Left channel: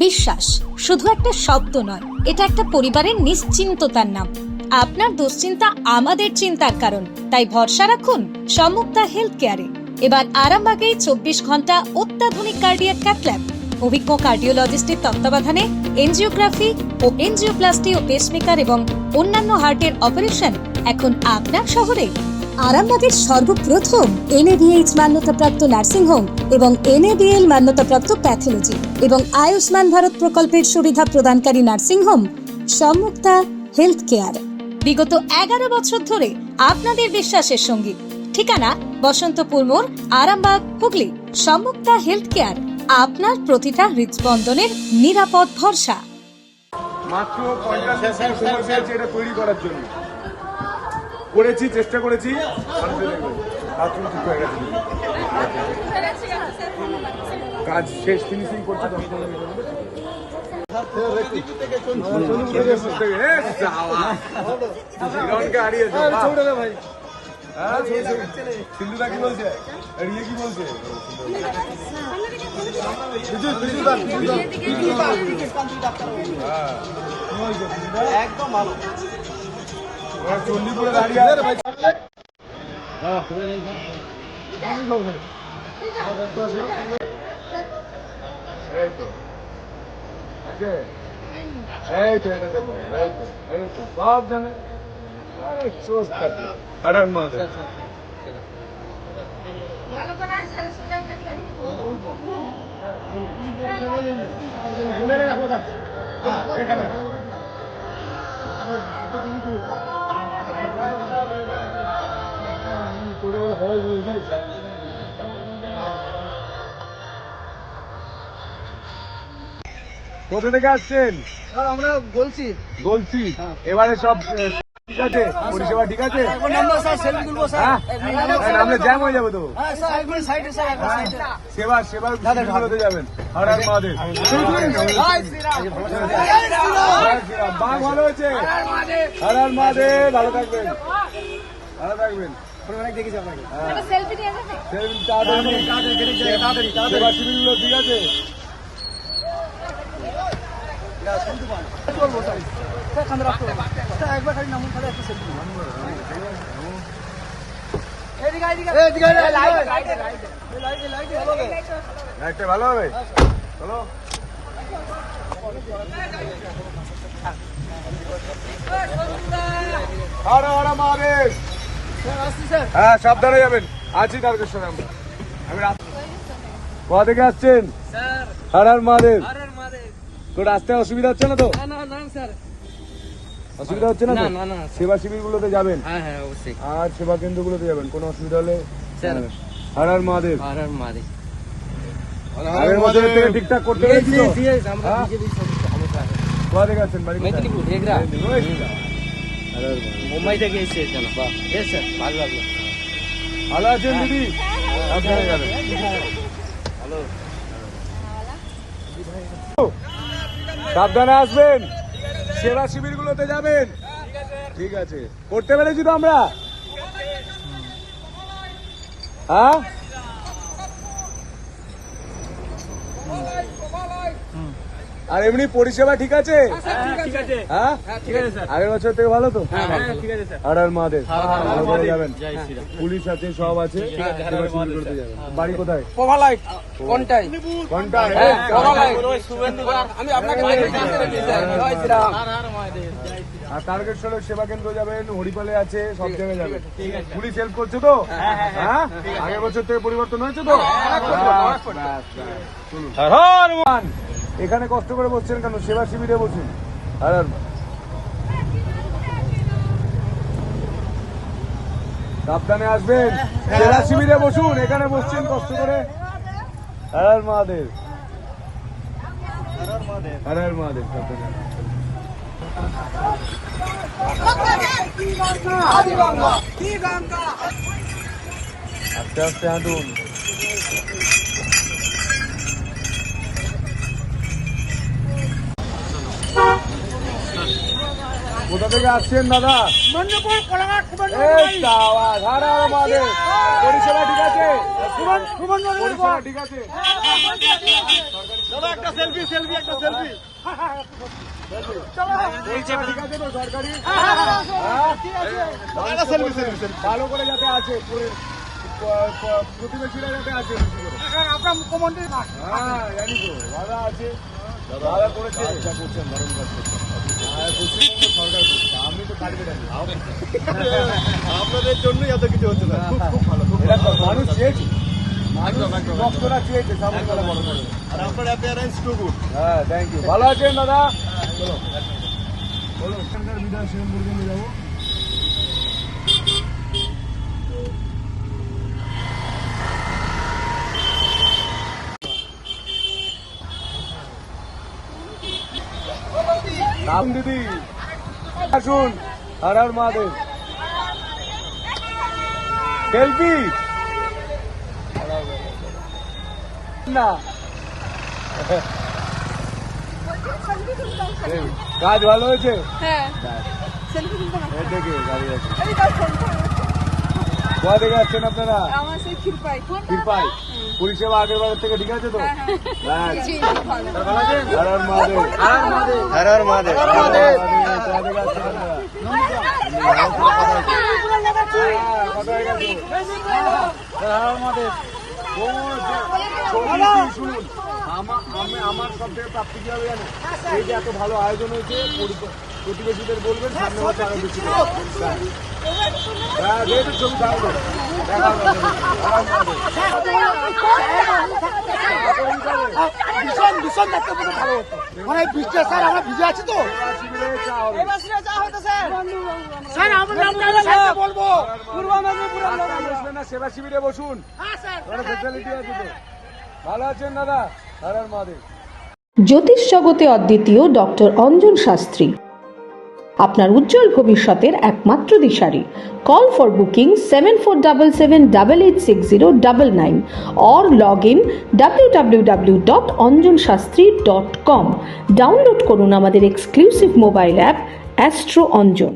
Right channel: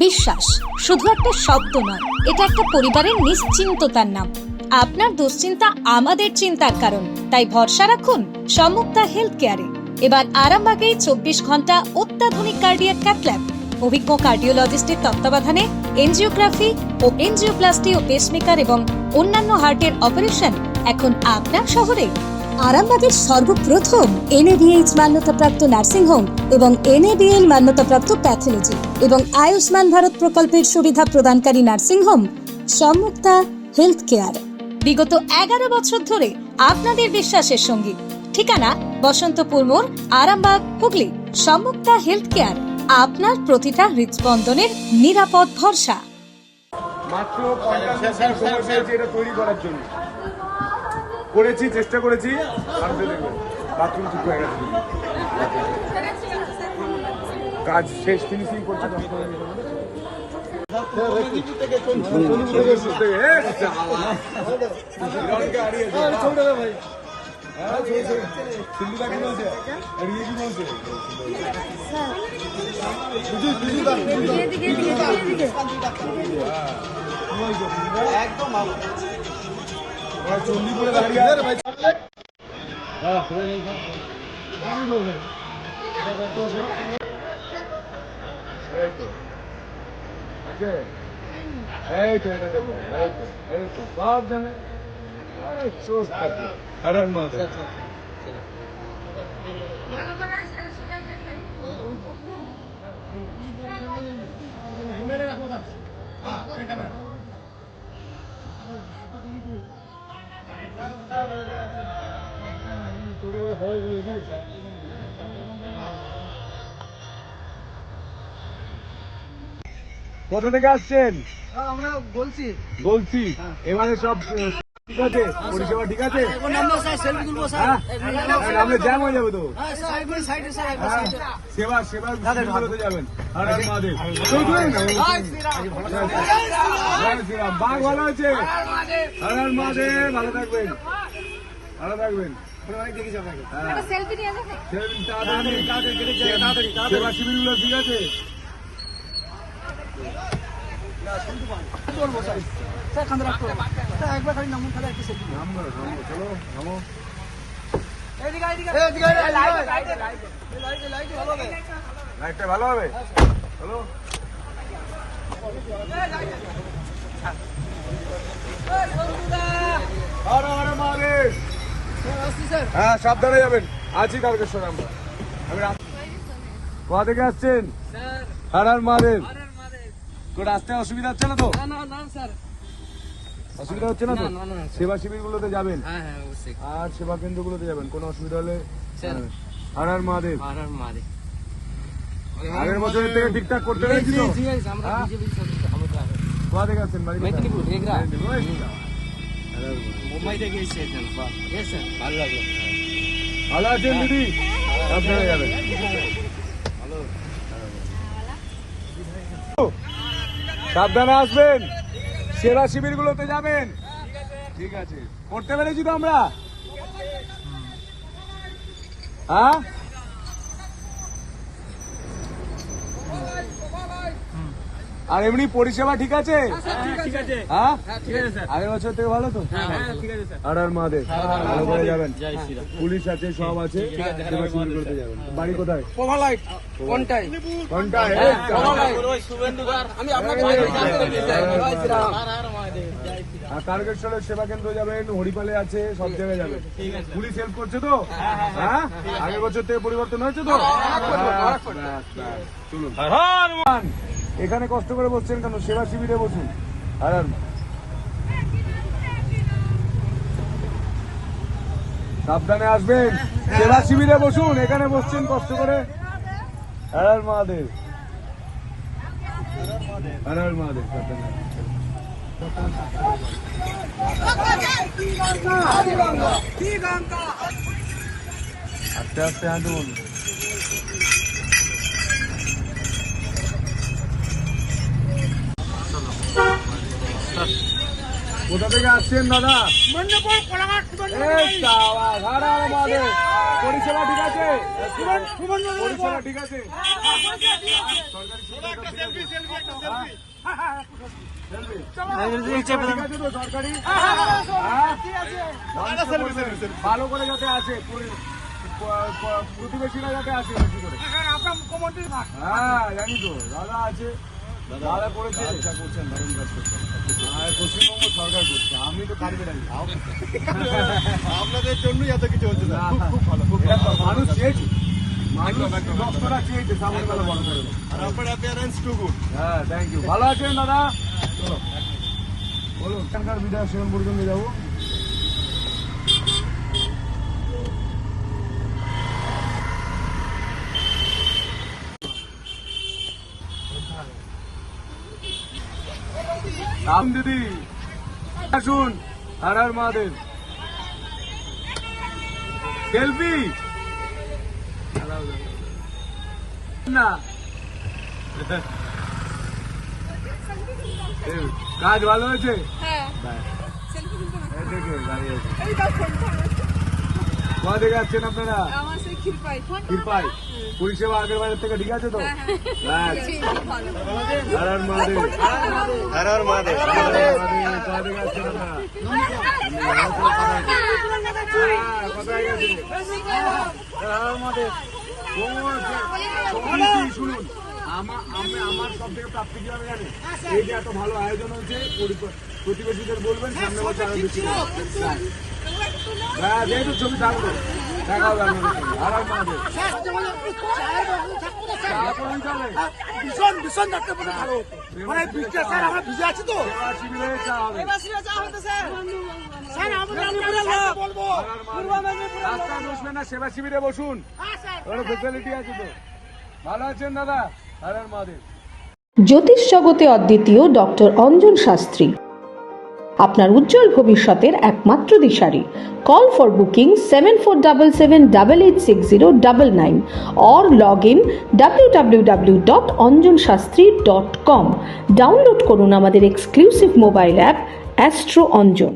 বিশ্বাস শুধু একটা শব্দ নয়, এটা একটা পরিবারের নিশ্চিন্ততার নাম। আপনার দুশ্চিন্তা আমাদের চিন্তার কারণ, তাই ভরসা রাখুন সম্মুক্তা হেলথ কেয়ারে। এবার আরামবাগেই 24 ঘন্টা অত্যাধুনিক কার্ডিয়াক ক্যাথল্যাব, অভিজ্ঞ কার্ডিওলজিস্টের তত্ত্বাবধানে এনজিওগ্রাফি ও এনজিওপ্লাস্টি ও পেসমেকার এবং অন্যান্য হার্টের অপারেশন এখন আপনার শহরে। আরামবাগের সর্বপ্রথম NABH মান্যতাপ্রাপ্ত নার্সিংহোম এবং NABL মান্যতাপ্রাপ্ত প্যাথোলজি এবং আয়ুষ্মান ভারত প্রকল্পের সুবিধা প্রদানকারী নার্সিংহোম সম্মুক্তা হেলথ কেয়ার। বিগত 11 বছর ধরে আপনাদের বিশ্বাসের সঙ্গী। ঠিকানা বসন্তপুর মোড়, আরামবাগ, হুগলি। সম্মুক্তা হেলথ কেয়ার, আপনার প্রতিটা হৃদস্পন্দনের নিরাপদ ভরসা। মাত্র 50 মিনিট সময় পেয়েছি এটা তৈরি করার জন্য। করেছি, চেষ্টা করেছি, বাথরুম ঠিক হয়ে গেছে। কাজ শেষ, ফিনিশিং করছি 10-15 মিনিটের মধ্যে। সিন্ধুদা কি বলছে? কি বলছে? একদম ভালো। চণ্ডীপুরে দাঁড়িয়ে সব জানে কোথা থেকে আসছেন? আমরা বলছি এবারে সব ঠিক আছে, পরিষেবা ঠিক আছে? নামলে জ্যাম হয়ে যাবে তো। সেবাগুলোতে যাবেন। আর আর মহাদেব বাঘ ভালো হয়েছে। আর আর মহাদেব ভালো থাকবেন, ভালো থাকবেন। সেবা শিবিরগুলো ঠিক আছে? ভালো হবে। হ্যাঁ, সাবধানে যাবেন। আছি তারকেশ্বরে আমরা। কোথা থেকে আসছেন? হর হর মহাদেব। তো রাস্তায় অসুবিধা হচ্ছে না তো? অসুবিধা হচ্ছে না তো? সেবা শিবির গুলোতে যাবেন আর সেবা কেন্দ্র গুলোতে যাবেন। কোনো অসুবিধা হলে হর হর মহাদেব। আগের বছরের থেকে ঠিকঠাক করতে পেরেছি তো? কোথা থেকে আসছেন? বাড়ি মুম্বাই থেকে এসেছেন। ভালো লাগলো। ভালো আছেন দিদি? সাবধানে যাবেন। সাবধানে আসবেন। সেবা শিবির গুলোতে যাবেন। ঠিক আছে, করতে পেরেছি তো আমরা? হ্যাঁ, আর এমনি পরিষেবা ঠিক আছে? হ্যাঁ, আগের বছর থেকে ভালো তো? আর আর মহাদেব ভালো করে যাবেন। পুলিশ আছে, সব আছে। বাড়ি কোথায়? আর তারকেশ্বরের সেবা কেন্দ্র যাবেন, হরিপালে আছে, সব জায়গায় যাবেন। পুলিশ হেল্প করছে তো? হ্যাঁ, আগের বছর থেকে পরিবর্তন হয়েছে তো? এখানে কষ্ট করে বসছেন কেন? সেবা শিবিরে বসুন। আর সাবধানে আসবেন। সেবা শিবিরে বসুন, এখানে বসছেন কষ্ট করে। হর হর মহাদেব, হর হর মহাদেব। সাবধানে আস্তে আস্তে হাঁটুন। কোথা থেকে আসছেন দাদা? পরিষেবা ঠিক আছে? পরিষেবা ঠিক আছে? সরকারি ঠিক আছে তো সরকারি? হ্যাঁ? মানুষকে বলবেন, ভালো করে যাতে আছে প্রতিবেশীরা যাতে আছে বেশি করে। হ্যাঁ জানি তো, দাদা আছে, দাদা করেছে, করছেন দারুণ কাজ করছেন। পশ্চিমবঙ্গ সরকার করছে, আমি তো কাটবে জানি আপনাদের জন্যই এত কিছু হচ্ছে না। মানুষ চেয়েছে, মানুষ ভক্তরা চেয়েছে সামনে বেলা বড় করে। হ্যাঁ থ্যাংক ইউ, ভালো আছেন দাদা? চলো বলুন, এখানকার বিধায়ক সেবন পর্যন্ত যাবো। রাম দিদি আসুন, হর হর মহাদেব। সেলফি না, কাজ ভালো হয়েছে? এই দেখে দাঁড়িয়ে আছে। কোথা থেকে আসছেন আপনারা? ক্ষীরপাই। পরিষেবা আগের বারের থেকে ঠিক আছে তো? হ্যাঁ, হর হর মহাদেব। হর হর মহাদেব। কোথা থেকে আসছেন আপনারা? কথা হয়েছে, কথা হয়ে গেছে। শুনুন, আমার সব থেকে প্রাপ্তি কি হবে জানো? এই যে এত ভালো আয়োজন হয়েছে, প্রতিবেশীদের বলবেন সামনে বছর আরো বেশি যেহেতু ছবি থাকলো দেখা বসবেন না, সেবা শিবিরে বসুন, এটা ফেসিলিটি আছে তো। ভালো আছেন দাদা? হর হর মহাদেব। জ্যোতিষ জগতে অদ্বিতীয় ডক্টর অঞ্জন শাস্ত্রী, আপনার উজ্জ্বল ভবিষ্যতের একমাত্র দিশারি। Call for booking 7477886099 or log in www.anjanshastri.com। Download করুন আমাদের exclusive mobile app Astro Anjan.